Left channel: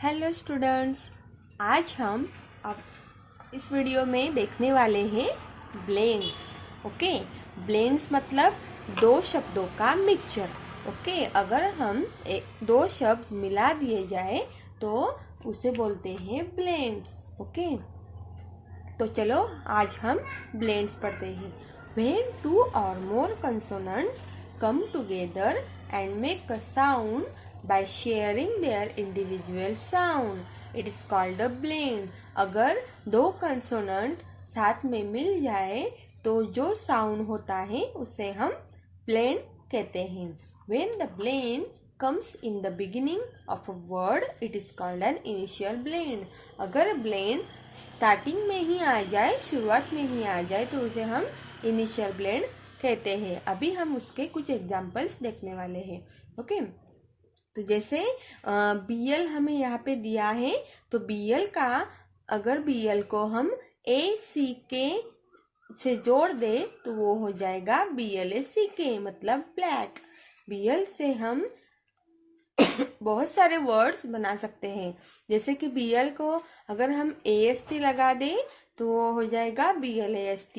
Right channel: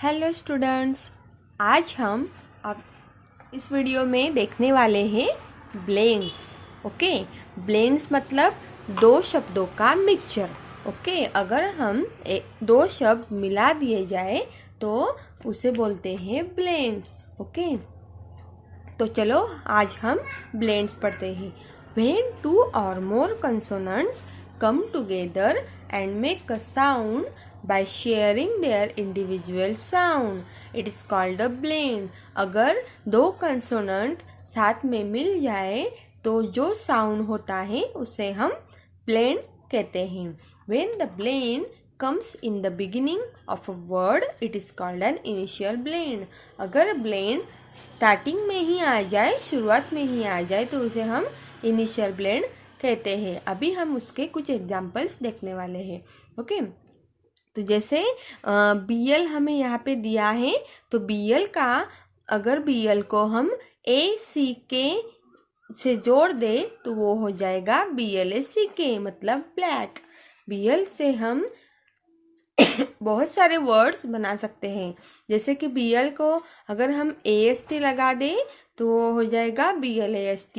Hello students, आज हम अब इस वीडियो में देखने वाले हैं ब्लेंड्स। ओके, ब्लेंड्स मतलब दो शब्दों का मिक्सचर। ओके, अगर हम दो शब्द मिला दिए जाए तो उसे बोलते हैं ब्लेंड्स। ओके, तो चलो आज हम ब्लेंड्स पढ़ते हैं। When two or more consonants come together and make a sound by sharing their individual sound, it is called a blend. अगर दो कंसोनेंट साथ में मिल जाए तो जो साउंड होता है उसे हम ब्लेंड कहते हैं। When the blend comes in the beginning of a word, it is called an initial blend. अगर ब्लेंड स्टार्टिंग में ही आ जाए, शुरुआत में ही आ जाए, तो उसे हम इनिशियल ब्लेंड कहते हैं। अभी हम उसके कुछ एग्जांपल्स देखने वाले हैं। ओके, तो जैसे बीएल हमें यहाँ पे दिया है, तो बीएल का अगर बीएल को हम ए सी के से जोड़ दे तो वो हो जाएगा BLACK, मतलब ब्लैक। बीएल से हम बहुत सारे वर्ड्स बना सकते हैं। जैसे कि बीएल को अगर हम AST लगा दें तो वो हो जाएगा BLAST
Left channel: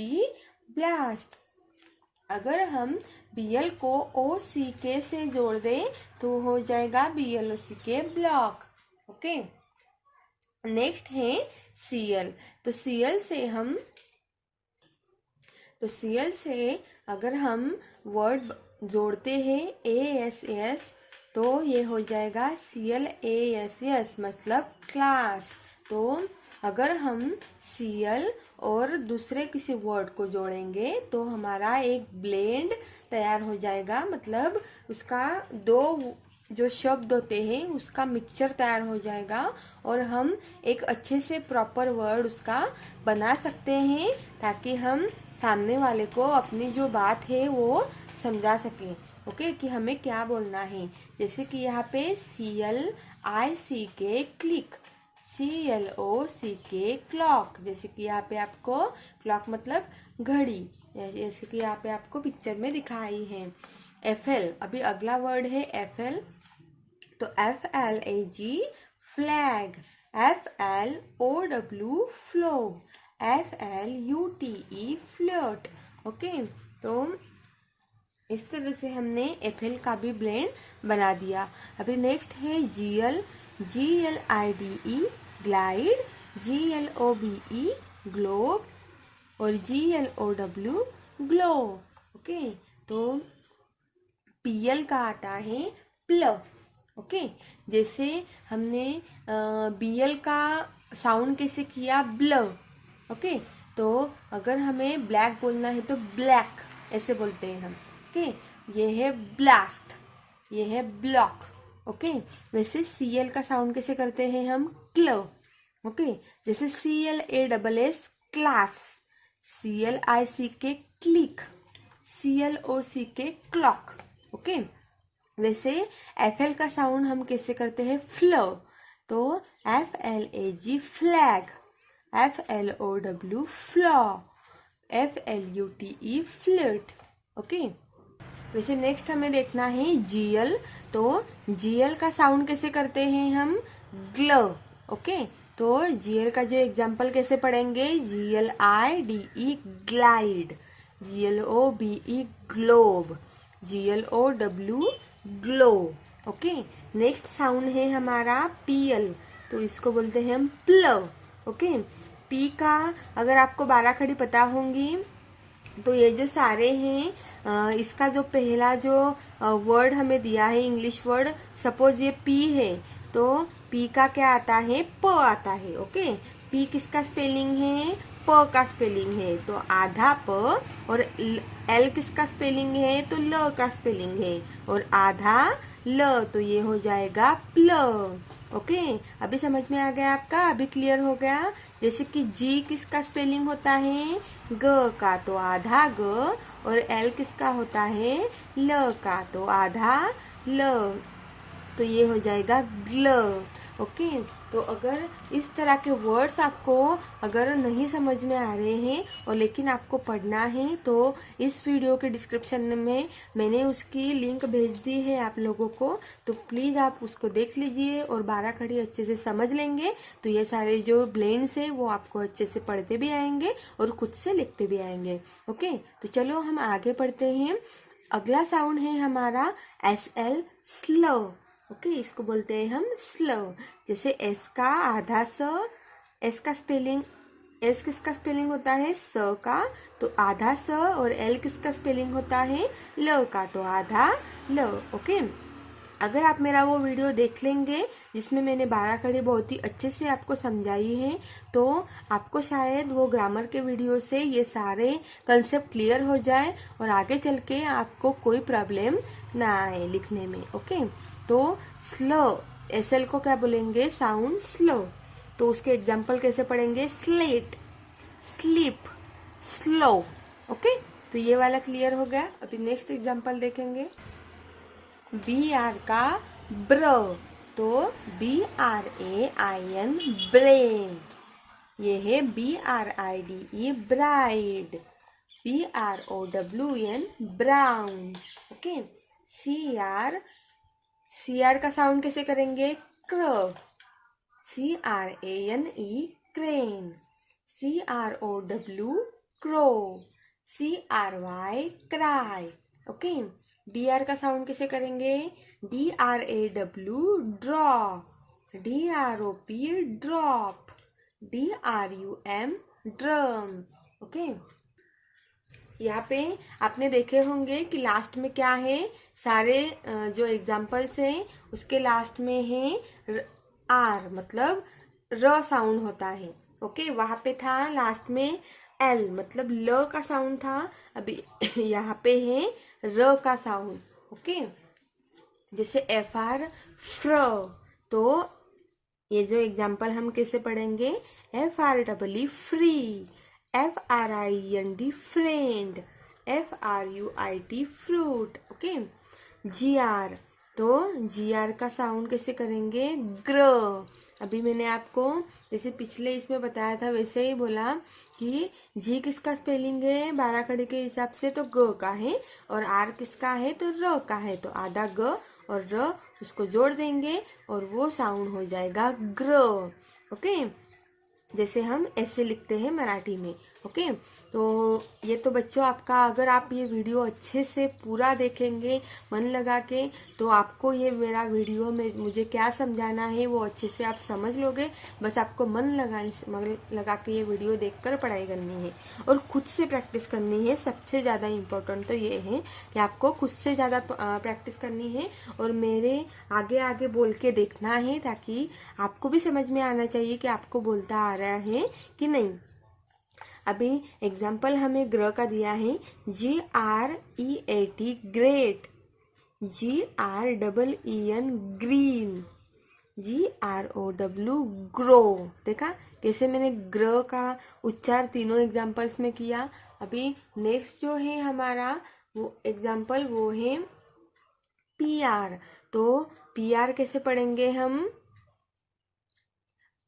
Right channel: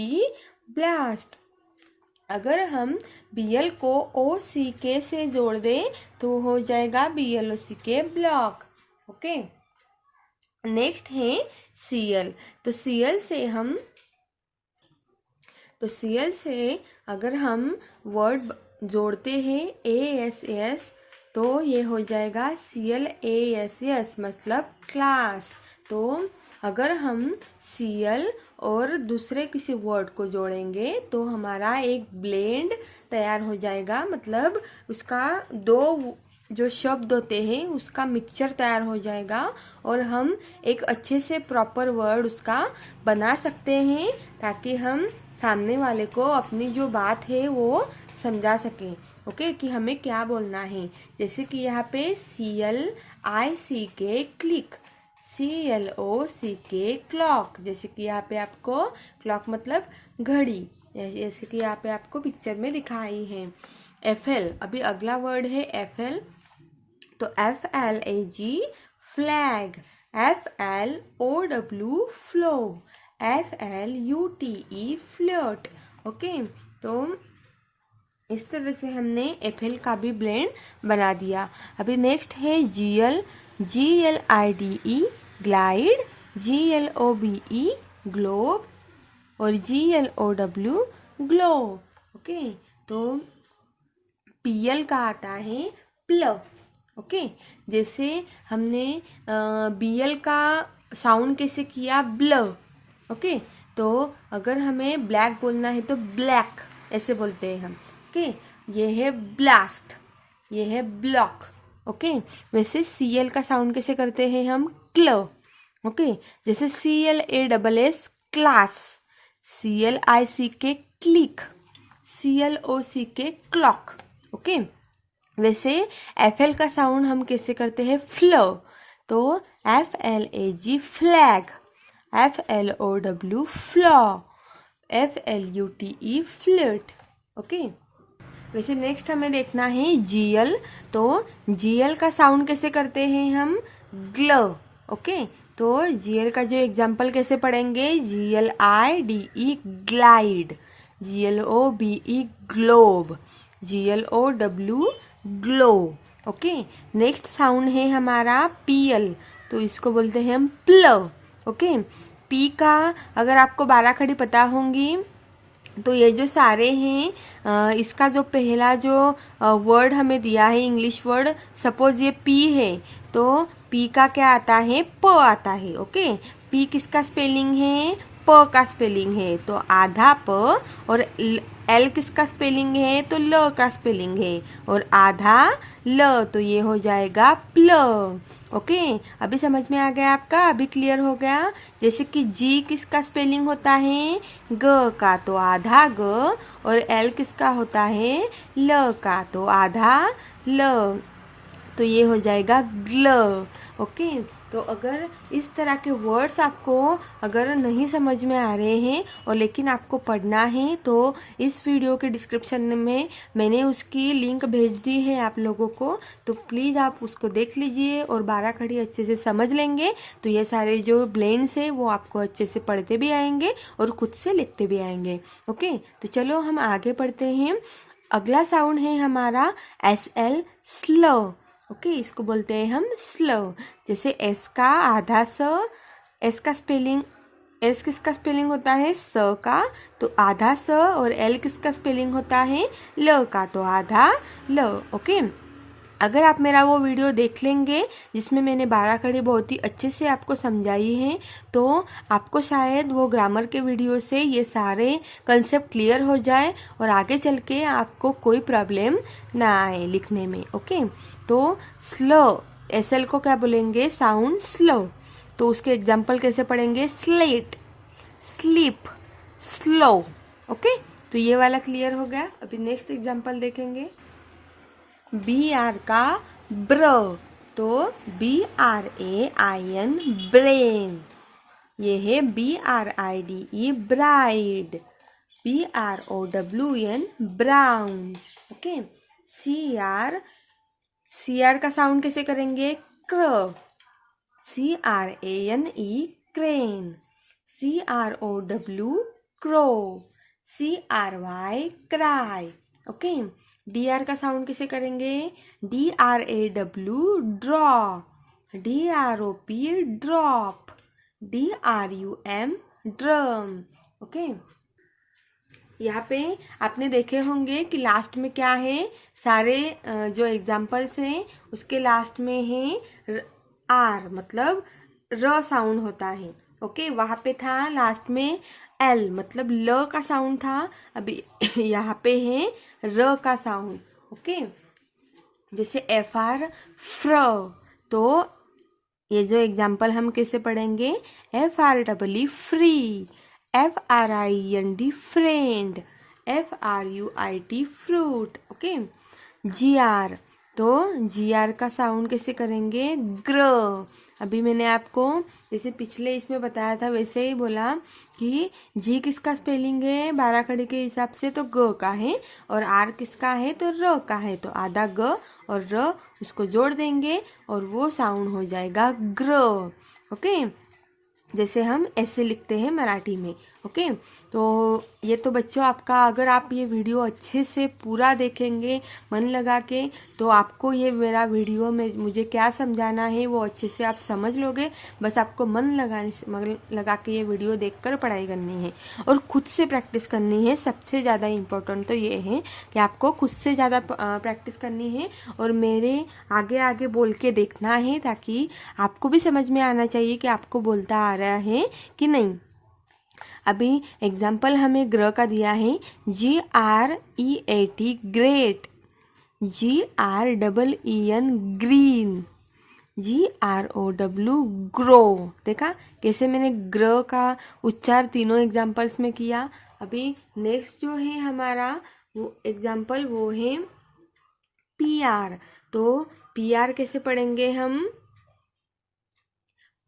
ब्लास्ट। अगर हम बीएल को OCK से जोड़ दें तो हो जाएगा BLOCK ब्लॉक। ओके, नेक्स्ट है CL। तो CL से अगर हम वर्ड जोड़ते हैं ASS तो ये हो जाएगा CLASS, मतलब क्लास। तो अगर हम CL और दूसरे किसी वर्ड को जोड़ेंगे तो हमारा एक ब्लेंड तैयार हो जाएगा, मतलब उसका दो जो शब्द होते हैं उसका मिक्सचर तैयार हो जाएगा और हम एक अच्छे से प्रॉपर वर्ड उसका बना सकते हैं ताकि हम सामने वाले को अपनी जो बात है वो समझा सकें। ओके, कि हमें क्या बोलना है। जैसे कि यहाँ पे CLICK क्लिक, CLOCK क्लॉक। जैसे कि यहाँ पे आपको क्लॉक मतलब घड़ी, जैसे कि यहाँ पे आपको पिक्चर में दिखाई है। FL, अभी अगला वर्ड है FL। तो FLAG flag, FLOW flow, FLUTE flirt. Okay, तो इस तरह से हमने FL का भी ब्लेंड बना दिया। अभी नेक्स्ट है GL, GLIDE glide, GLOBE globe और GLOW ग्लो। ओके, तो PL का आता है प्लव। ओके, जैसे हमने BL का साउंड कैसे किया, ब्लव। ओके, तो अगर हमें ब्लैक बोलना है तो ब्लैक ऐसे बोलते हैं हम। ओके, ये है ब्लास्ट, ये है ब्लॉक। ओके, वैसे CL का साउंड कैसे करते हैं हम, क्लव। ओके, जैसे CLASS class, CLICK click, CLOCK clock. Okay, वैसे FL का साउंड हम कैसे करते हैं, फ्लव। तो FLAG flag, FLOW flaw, FLUTE flirt. Okay, वैसे नेक्स्ट हमें देखना है GL। तो GL का साउंड कैसे करते हैं हम, ग्लव। ओके, तो GL का जो एग्जाम्पल कैसे पढ़ेंगे, GLIDE glide, GLOBE globe, GLOW glow. Okay, next sound है हमारा PL। तो इसको बोलते हैं हम प्लव। ओके, P का अगर आपको 12 खड़ी पता होंगी तो ये जो सारे हैं इसका जो पहला जो वर्ड हमें दिया है इंग्लिश वर्ड, सपोज ये P है तो P का क्या आता है, प आता है। ओके, P किसका स्पेलिंग है, प का स्पेलिंग है, तो आधा प। और L किसका स्पेलिंग है, तो ल का स्पेलिंग है, और आधा ल, तो ये हो जाएगा प्लव। ओके, अभी समझ में आ गया आपका, अभी क्लियर हो गया। जैसे कि G किसका स्पेलिंग होता है, ग का, तो आधा ग, और L किसका होता है, ल का, तो आधा ल, तो ये हो जाएगा ग्लव। ओके। तो अगर इस तरह के वर्ड्स आपको अगर नहीं समझ में आ रहे हैं और लेकिन आपको पढ़ना है तो इस वीडियो के डिस्क्रिप्शन में मैंने उसकी लिंक भेज दी है आप लोगों को, तो प्लीज़ आप उसको देख लीजिए और 12 खड़ी अच्छे से समझ लेंगे तो ये सारे जो ब्लेंड्स हैं वो आपको अच्छे से पढ़ते भी आएंगे और खुद से लिखते भी आएंगे। ओके, तो चलो हम आगे पढ़ते हैं। अगला साउंड है हमारा SL, स्लो। ओके, इसको बोलते हैं हम स्लो। जैसे एस का आधा स, एस का स्पेलिंग, एस किसका स्पेलिंग होता है स का, तो आधा स, और एल किसका स्पेलिंग होता है ल का, तो आधा ल। ओके, अगर आप मेरा वो वीडियो देख लेंगे जिसमें मैंने 12 खड़ी बहुत ही अच्छे से आपको समझाई है तो आपको शायद वो ग्रामर के वीडियो से ये सारे कंसेप्ट क्लियर हो जाए और आगे चल के आपको कोई प्रॉब्लम ना आए लिखने में। ओके, तो स्लो, SL को क्या बोलेंगे साउंड स्लो, तो उसके एग्जाम्पल कैसे पढ़ेंगे स्लेट, स्लीप, स्लो। ओके, तो ये वाला क्लियर हो गया। अभी नेक्स्ट एग्जाम्पल देखेंगे। BR का ब्र, तो BRAIN ब्रेन, ये है BRIDE bride, BROWN brown. Okay, CR का साउंड कैसे करेंगे क्र, CRANE crane, CROW crow, CRY cry. Okay, DR का साउंड कैसे करेंगे DRAW draw, DROP drop, DRUM drum. Okay, यहाँ पे आपने देखे होंगे कि लास्ट में क्या है, सारे जो एग्जाम्पल्स हैं उसके लास्ट में है R, मतलब र साउंड होता है। ओके, वहाँ पे था लास्ट में L, मतलब ल का साउंड था, अभी यहाँ पे है र का साउंड। ओके, जैसे FR फ्र, तो ये जो एग्जाम्पल हम कैसे पढ़ेंगे FREE free, FRIND friend, FRUIT fruit. Okay, GR, तो GR का साउंड कैसे करेंगे ग्र। अभी मैंने आपको जैसे पिछले इसमें बताया था वैसे ही बोला कि जी किसका स्पेलिंग है 12 खड़ी के हिसाब से तो ग का है, और आर किसका है तो र का है, तो आधा ग और र उसको जोड़ देंगे और वो साउंड हो जाएगा ग्र। ओके, जैसे हम ऐसे लिखते हैं मराठी में। ओके, तो ये तो बच्चों आपका, अगर आप ये वीडियो अच्छे से पूरा देखेंगे मन लगा के तो आपको ये मेरा वीडियो में मुझे क्या समझाना है वो अच्छे से आप समझ लोगे। बस आपको मन लगा के ये वीडियो देखकर पढ़ाई करनी है और खुद से प्रैक्टिस करनी है। सबसे ज़्यादा इम्पोर्टेंट तो ये है कि आपको खुद से ज़्यादा प्रैक्टिस करनी है और मेरे आगे आगे बोल के देखना है, ताकि आपको भी समझ में आना चाहिए कि आपको बोलता आ रहा है कि नहीं। अभी एग्जाम्पल हमें ग्र का दिया है GREAT great, GREEN green, GROW grow. देखा कैसे मैंने ग्र का उच्चार तीनों एग्जाम्पल्स में किया। अभी नेक्स्ट जो है हमारा वो एग्जाम्पल वो है PR, तो PR कैसे पढ़ेंगे हम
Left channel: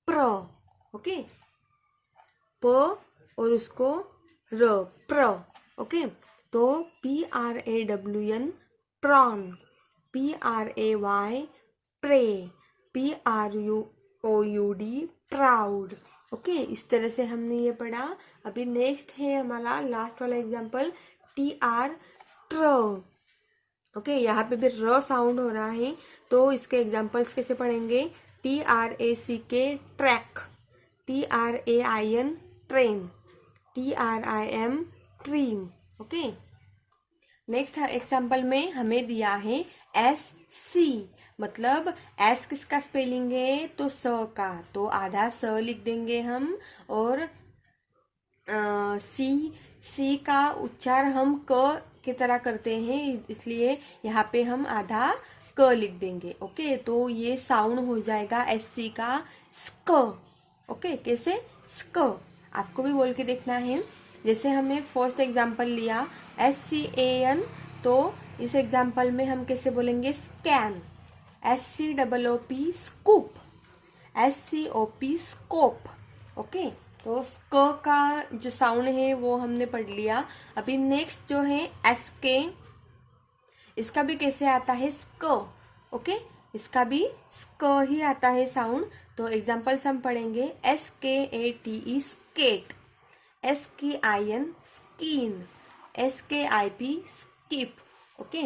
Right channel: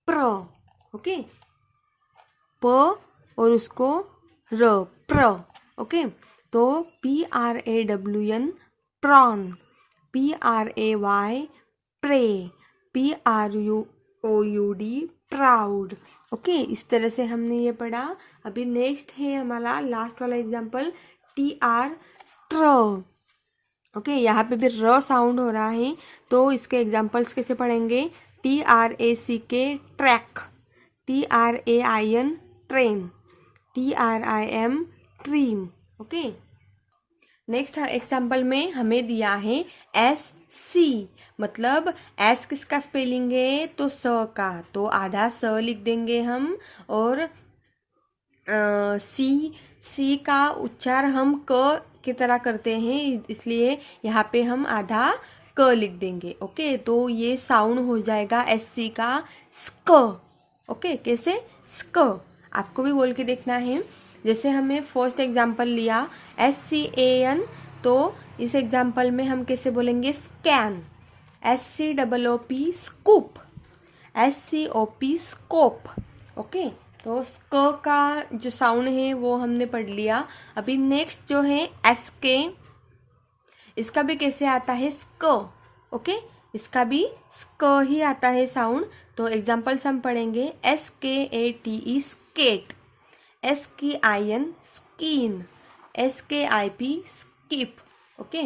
प्र। ओके, प और उसको र, प्र। ओके, तो PRAWN prawn, PRAY pray, PROUD proud. Okay, इस तरह से हमने ये पढ़ा। अभी नेक्स्ट है हमारा लास्ट वाला एग्जाम्पल TR ट्र। ओके, यहाँ पे भी र साउंड हो रहा है तो इसके एग्जाम्पल्स कैसे पढ़ेंगे TRACK track, TRAIN train, TRIM trim. Okay, next example में हमें दिया है SC, मतलब S किसका स्पेलिंग है तो स का, तो आधा स लिख देंगे हम, और सी का उच्चार हम क की तरह करते हैं इसलिए यहाँ पे हम आधा क लिख देंगे। ओके, तो ये साउंड हो जाएगा SC का स्क। ओके, कैसे स्क, आपको भी बोल के देखना है। जैसे हमें फर्स्ट एग्जाम्पल लिया SCAN, तो इस एग्जाम्पल में हम कैसे बोलेंगे scan, SCOOP scoop, SCOP scope. Okay, तो स्क का जो साउंड है वो हमने पढ़ लिया। अभी नेक्स्ट जो है SK, इसका भी कैसे आता है स्क। ओके, इसका भी स्क ही आता है साउंड। तो एग्जाम्पल्स हम पढ़ेंगे SKATE skate, SKIN skin, SKIP skip. Okay,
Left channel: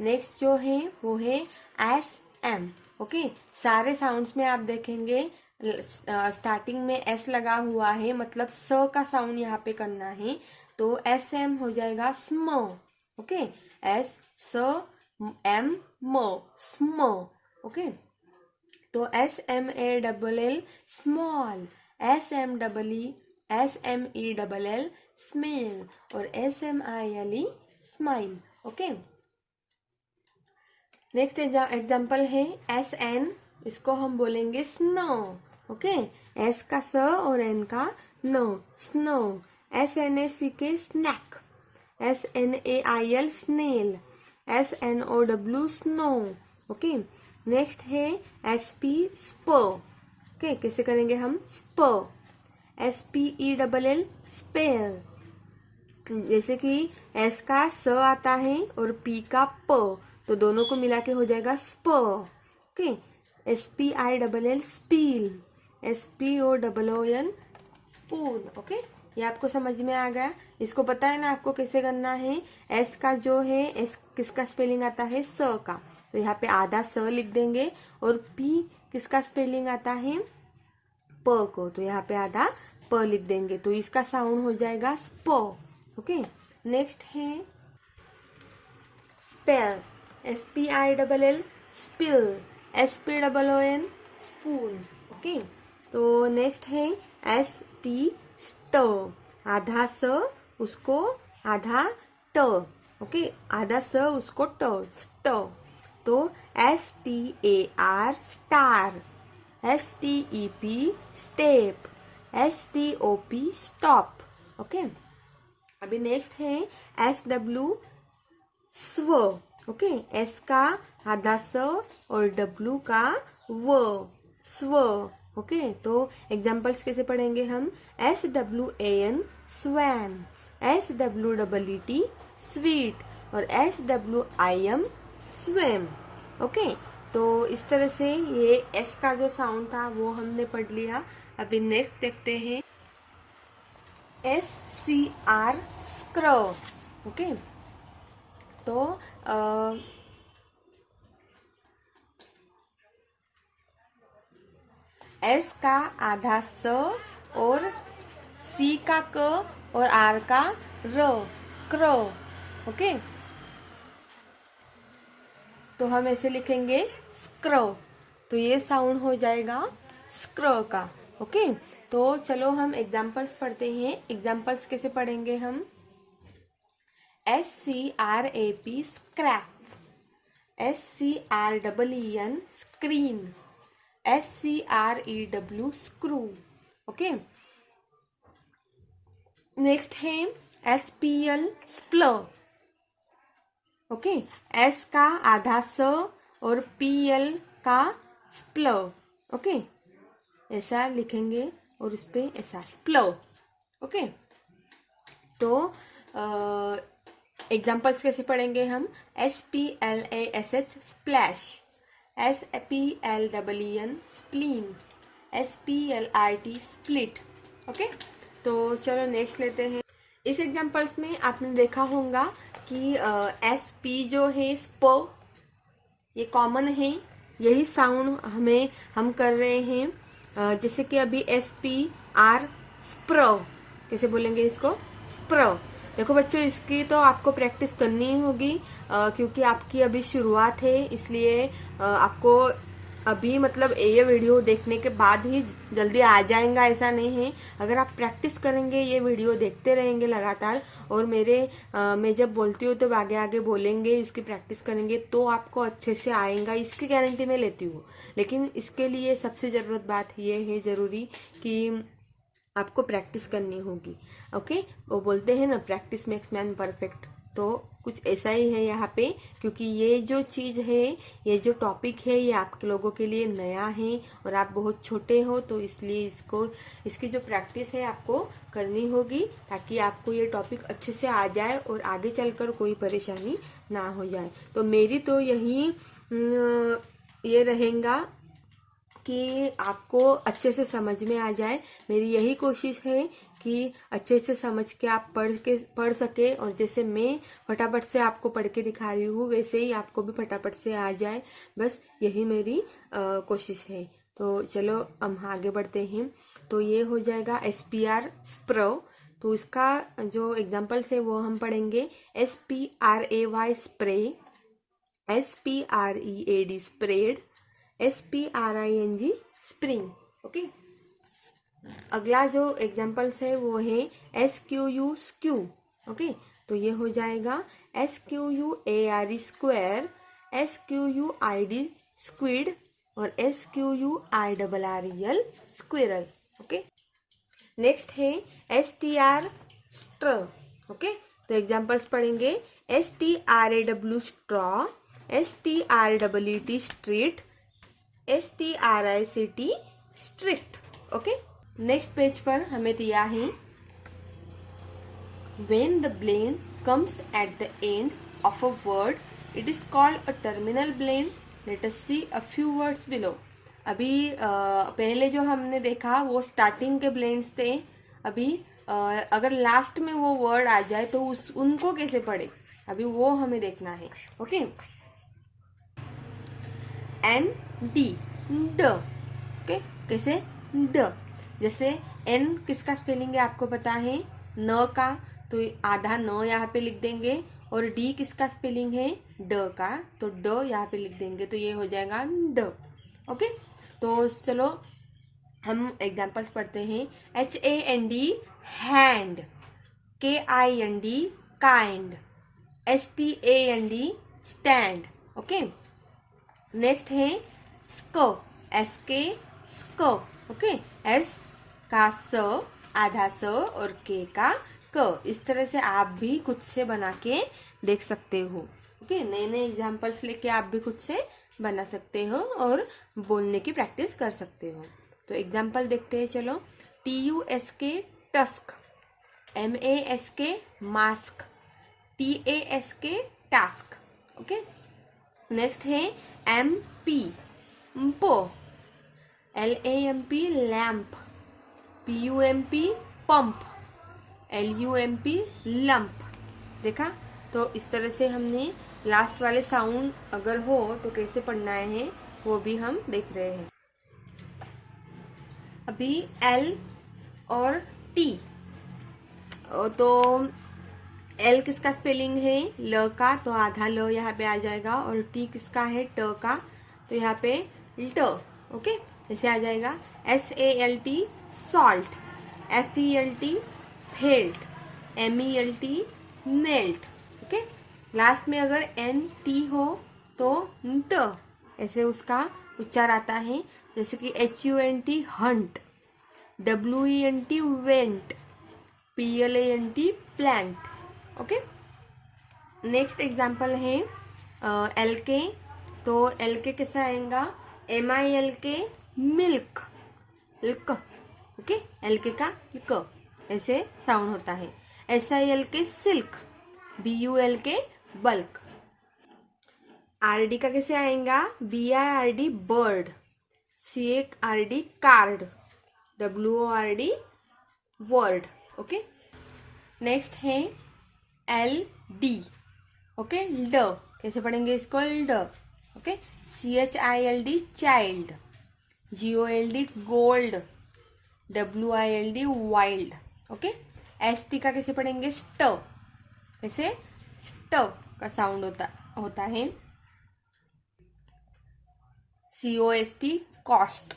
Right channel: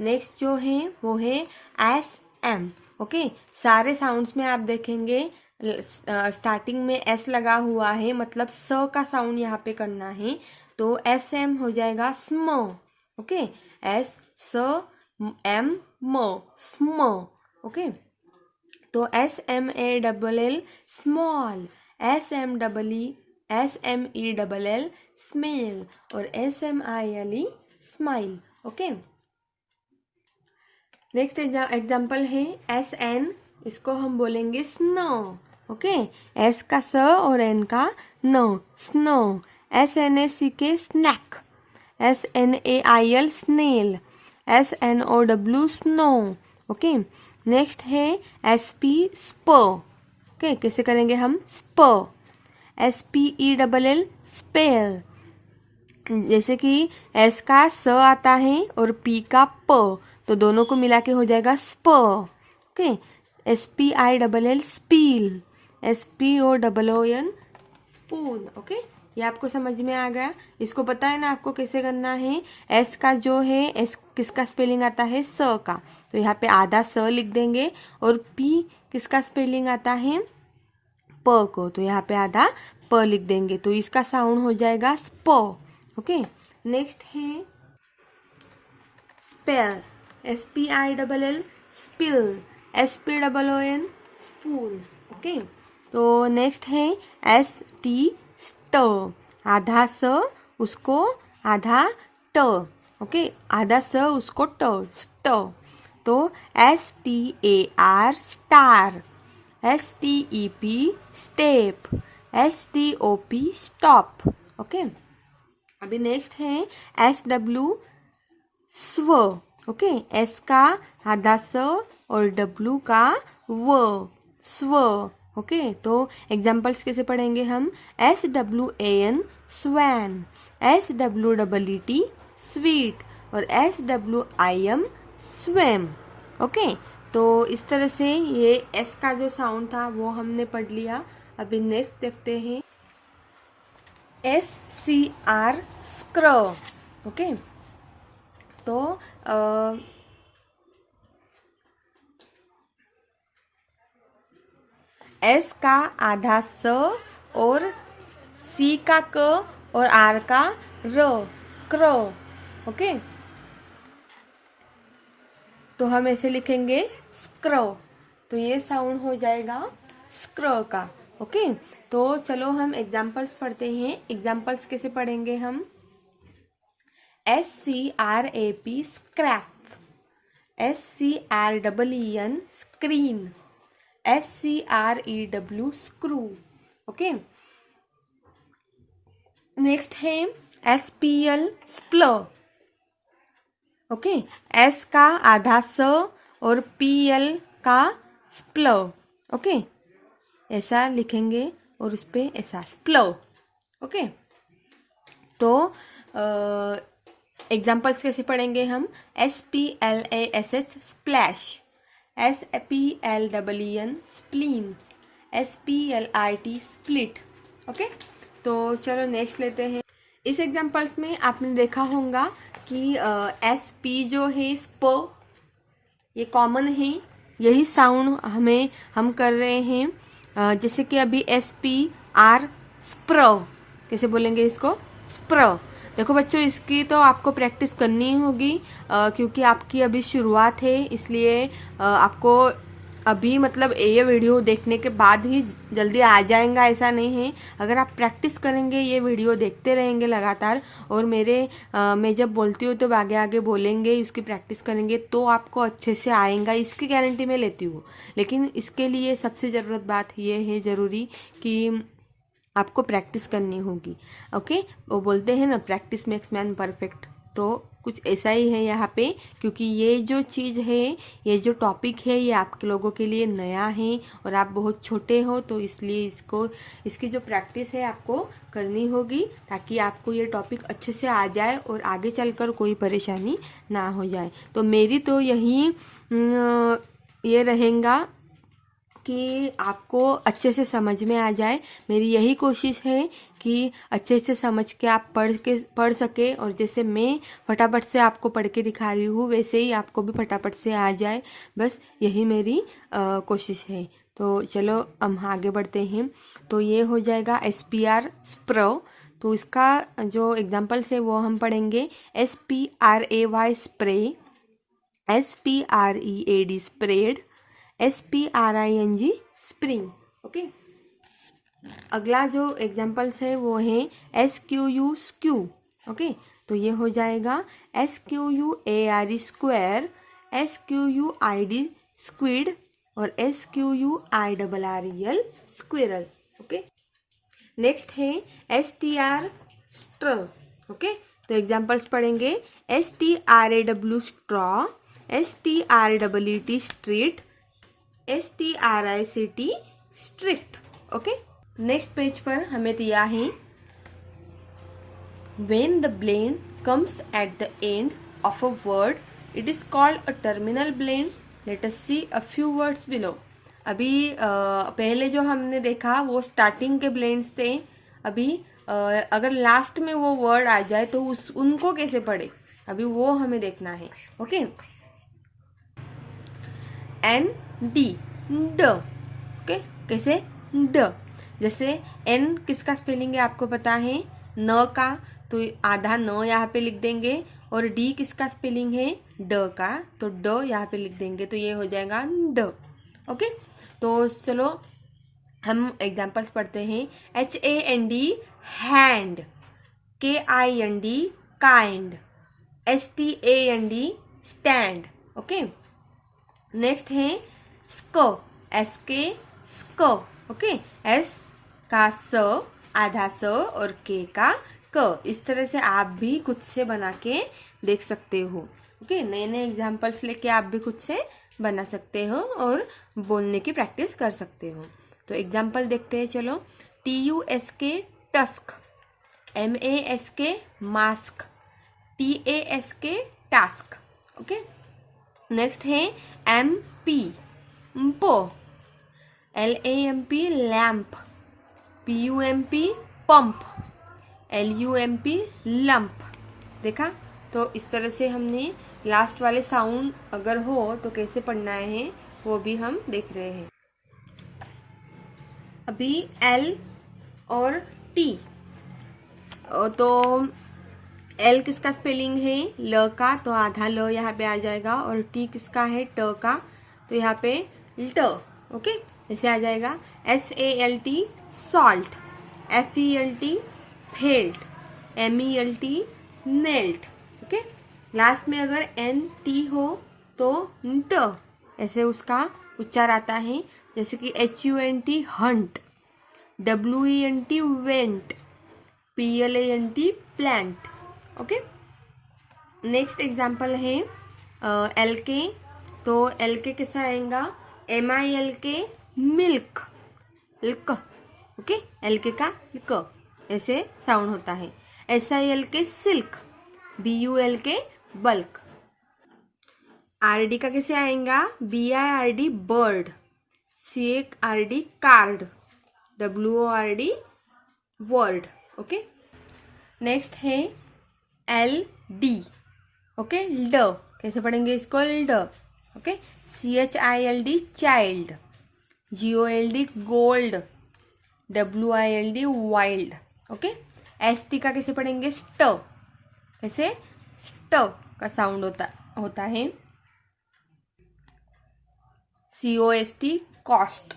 next जो है वो है SM। ओके, सारे साउंड्स में आप देखेंगे स्टार्टिंग में S लगा हुआ है, मतलब स का साउंड यहाँ पे करना है। तो SM हो जाएगा स्म। ओके, SMM स्म। ओके, तो SMALL स्मॉल, SMELL स्मेल और SMILE smile. Okay, next example है SN, इसको हम बोलेंगे स्नो। ओके, S का स और N का नो, स्नो। SNACK snack, SNAIL snail, SNOW snow. Okay, next है SP स्प। ओके, कैसे करेंगे हम स्प, SPELL स्पेल। जैसे कि S का स आता है और P का प, तो दोनों को मिला के हो जाएगा स्प। Okay, SPILL spill, SPOON spoon. Okay, ये आपको समझ में आ गया। इसको पता है ना आपको कैसे करना है। S का जो है S किसका स्पेलिंग आता है स का, तो यहाँ पे आधा स लिख देंगे। और P किसका स्पेलिंग आता है प को, तो यहाँ पे आधा प लिख देंगे। तो इसका साउंड हो जाएगा स्प। ओके, नेक्स्ट है spell, SPILL spill, SPOON spoon. Okay, तो नेक्स्ट है ST स्ट, आधा स उसको आधा ट। ओके, आधा स उसको ट, स्ट। तो STAR star, STEP step, STOP stop. Okay, अभी नेक्स्ट है SW स्व। ओके, S का आधा स और W का व, स्व। ओके, तो एग्जाम्पल्स कैसे पढ़ेंगे हम, SWAN स्वैन, SWEET स्वीट और SWIM स्वयं। ओके, तो इस तरह से ये S का जो साउंड था वो हमने पढ़ लिया। अभी नेक्स्ट देखते हैं SCR स्क्र। ओके, तो S का आधा स और C का क और R का र, क्र। ओके, तो हम ऐसे लिखेंगे स्क्र, तो ये साउंड हो जाएगा स्क्र का। ओके, तो चलो हम एग्जाम्पल्स पढ़ते हैं। एग्जाम्पल्स कैसे पढ़ेंगे हम, SCRAP scrap, SCREEN screen, SCREW screw. Okay, next है SPL स्प्ल। ओके, S का आधा स और PL का स्प्ल। ओके, ऐसा लिखेंगे और उस पे ऐसा स्प्ल। ओके, तो एग्जाम्पल्स कैसे पढ़ेंगे हम, SPLASH splash, SPLEEN spleen, SPLIT split. Okay, तो चलो नेक्स्ट लेते हैं। इस एग्जाम्पल्स में आपने देखा होगा कि SP जो है स्प, ये कॉमन है, यही साउंड हम कर रहे हैं। जैसे कि अभी SPR स्प्र, कैसे बोलेंगे इसको, स्प्र। देखो बच्चों, इसकी तो आपको प्रैक्टिस करनी होगी क्योंकि आपकी अभी शुरुआत है, इसलिए आपको अभी मतलब ये वीडियो देखने के बाद ही जल्दी आ जाएगा ऐसा नहीं है। अगर आप प्रैक्टिस करेंगे, ये वीडियो देखते रहेंगे लगातार और मैं जब बोलती हूँ तो आगे आगे बोलेंगे, इसकी प्रैक्टिस करेंगे तो आपको अच्छे से आएगा, इसकी गारंटी मैं लेती हूँ। लेकिन इसके लिए सबसे ज़रूरत बात ये है ज़रूरी कि आपको प्रैक्टिस करनी होगी। ओके, वो बोलते हैं ना प्रैक्टिस मेक्स मैन परफेक्ट, तो कुछ ऐसा ही है यहाँ पे, क्योंकि ये जो चीज़ है, ये जो टॉपिक है, ये आप लोगों के लिए नया है और आप बहुत छोटे हो, तो इसलिए इसकी जो प्रैक्टिस है आपको करनी होगी, ताकि आपको ये टॉपिक अच्छे से आ जाए और आगे चलकर कोई परेशानी ना हो जाए। तो मेरी तो यही ये रहेगा कि आपको अच्छे से समझ में आ जाए। मेरी यही कोशिश है कि अच्छे से समझ के आप पढ़ सके, और जैसे मैं फटाफट से आपको पढ़ के दिखा रही हूँ वैसे ही आपको भी फटाफट से आ जाए, बस यही मेरी कोशिश है। तो चलो हम आगे बढ़ते हैं। तो ये हो जाएगा SPR स्प्रो। तो इसका जो एग्जाम्पल्स है वो हम पढ़ेंगे। SPRAY spray, SPREAD spread, SPRING spring. Okay, अगला जो एग्जाम्पल्स है वो है SQU स्क्यू। ओके, तो ये हो जाएगा SQUARE स्क्वायर, SQUID स्क्विड और SQUIRREL स्क्विरल। ओके, नेक्स्ट है STR स्ट्र। ओके, तो एग्जाम्पल्स पढ़ेंगे। STRAW straw, STREET street, STRICT strict. Okay, next page पर हमें दिया है when the blend comes at the end of a word it is called a terminal blend. Let us see a few words below. अभी पहले जो हमने देखा वो स्टार्टिंग के ब्लेंड्स थे। अभी अगर लास्ट में वो वर्ड आ जाए तो उनको कैसे पढ़े, अभी वो हमें देखना है। ओके, ND ड। ओके, कैसे ड, जैसे N किसका स्पेलिंग है आपको पता है, न का, तो आधा न यहाँ पे लिख देंगे, और D किसका स्पेलिंग है, ड का, तो ड यहाँ पे लिख देंगे, तो ये हो जाएगा ड। ओके, तो चलो हम एग्जाम्पल्स पढ़ते हैं। HAND hand, KIND kind, STAND stand. Okay, next है स्क, SK स्क। ओके, S का स, आधा स, और K का क। इस तरह से आप भी खुद से बना के देख सकते हो। ओके, नए नए एग्जाम्पल्स लेके आप भी खुद से बना सकते हो और बोलने की प्रैक्टिस कर सकते हो। तो एग्जाम्पल देखते हैं, चलो। TUSK tusk, MASK mask, TASK task. Okay, next है MP म्पो, LAMP lamp, PUMP pump, LUMP lump. देखा, तो इस तरह से हमने लास्ट वाले साउंड अगर हो तो कैसे पढ़ना है वो भी हम देख रहे हैं। अभी L और T, तो L किसका स्पेलिंग है, ल का, तो आधा ल यहाँ पे आ जाएगा, और T किसका है, ट का, तो यहाँ पे ट। ओके, ऐसे आ जाएगा। SALT salt, FELT felt, MELT melt. Okay, last में अगर NT हो तो ट, ऐसे उसका उच्चार आता है, जैसे कि HUNT Hunt, WENT went, PLANT plant. Okay, next example है LK। तो LK कैसा आएगा, MILK milk, LK। Okay, LK का क ऐसे साउंड होता है। SILK silk, BULK bulk. RD का कैसे आएगा, BIRD bird, CARD card, WORD word. Okay, next है LD। ओके, ड कैसे पढ़ेंगे इसको, ड। Okay, CHILD child, GOLD gold, WILD wild. Okay, ST का कैसे पढ़ेंगे, स्ट, कैसे स्ट का साउंड होता है। COST cost,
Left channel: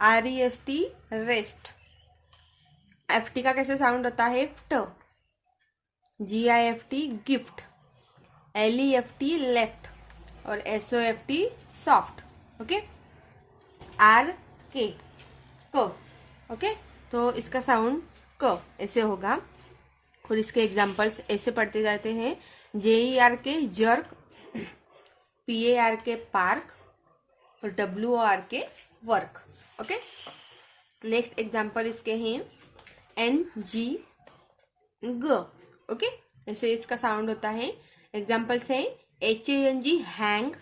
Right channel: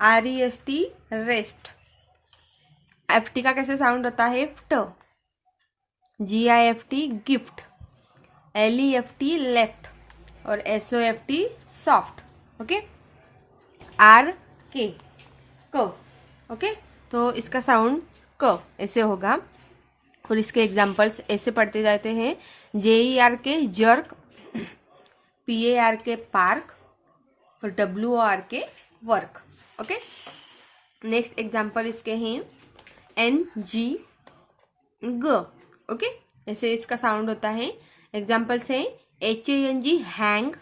REST rest. FT का कैसे साउंड होता है, ft, GIFT gift, LEFT left, और SOFT सॉफ्ट। ओके, RK क। ओके, तो इसका साउंड क ऐसे होगा। और इसके एग्जाम्पल्स ऐसे पढ़ते जाते हैं। JERK जर्क, PARK पार्क और WORK work. Okay, next example इसके हैं NG ग। ओके, ऐसे इसका साउंड होता है। एग्जाम्पल्स हैं HANG हैंग,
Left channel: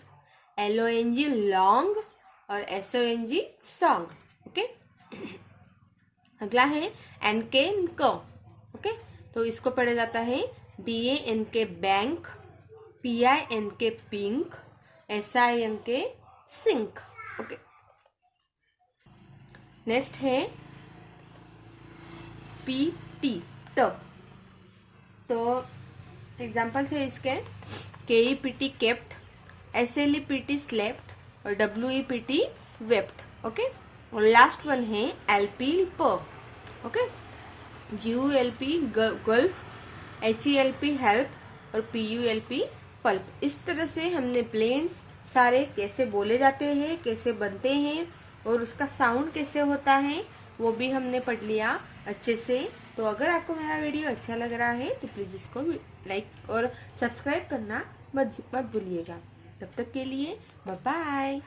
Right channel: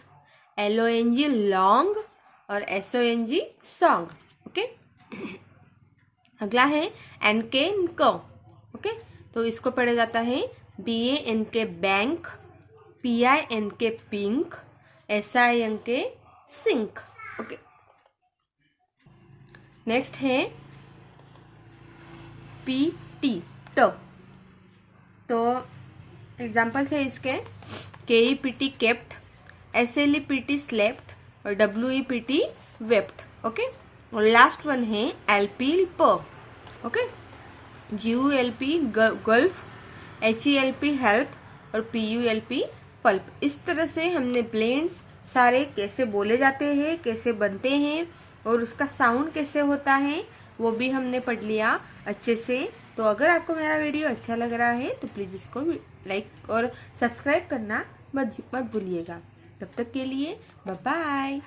LONG लॉन्ग और SONG सॉन्ग। ओके, अगला है NK क। ओके, तो इसको पढ़ा जाता है BANK bank, PINK pink, SINK sink. Okay, next है PT ट। तो एग्जाम्पल्स है इसके KEPT केप्ट, SLEPT स्लेप्ट और WEPT वेप्ट। ओके, और लास्ट वन है LP प। Okay, GULP gulp, HELP help और PULP पल्प। इस तरह से हमने ब्लेंड्स सारे कैसे बोले जाते हैं, कैसे बनते हैं और उसका साउंड कैसे होता है वो भी हमने पढ़ लिया अच्छे से। तो अगर आपको मेरा वीडियो अच्छा लग रहा है तो प्लीज़ इसको लाइक और सब्सक्राइब करना मत भूलिएगा। तब तक के लिए बाय बाय।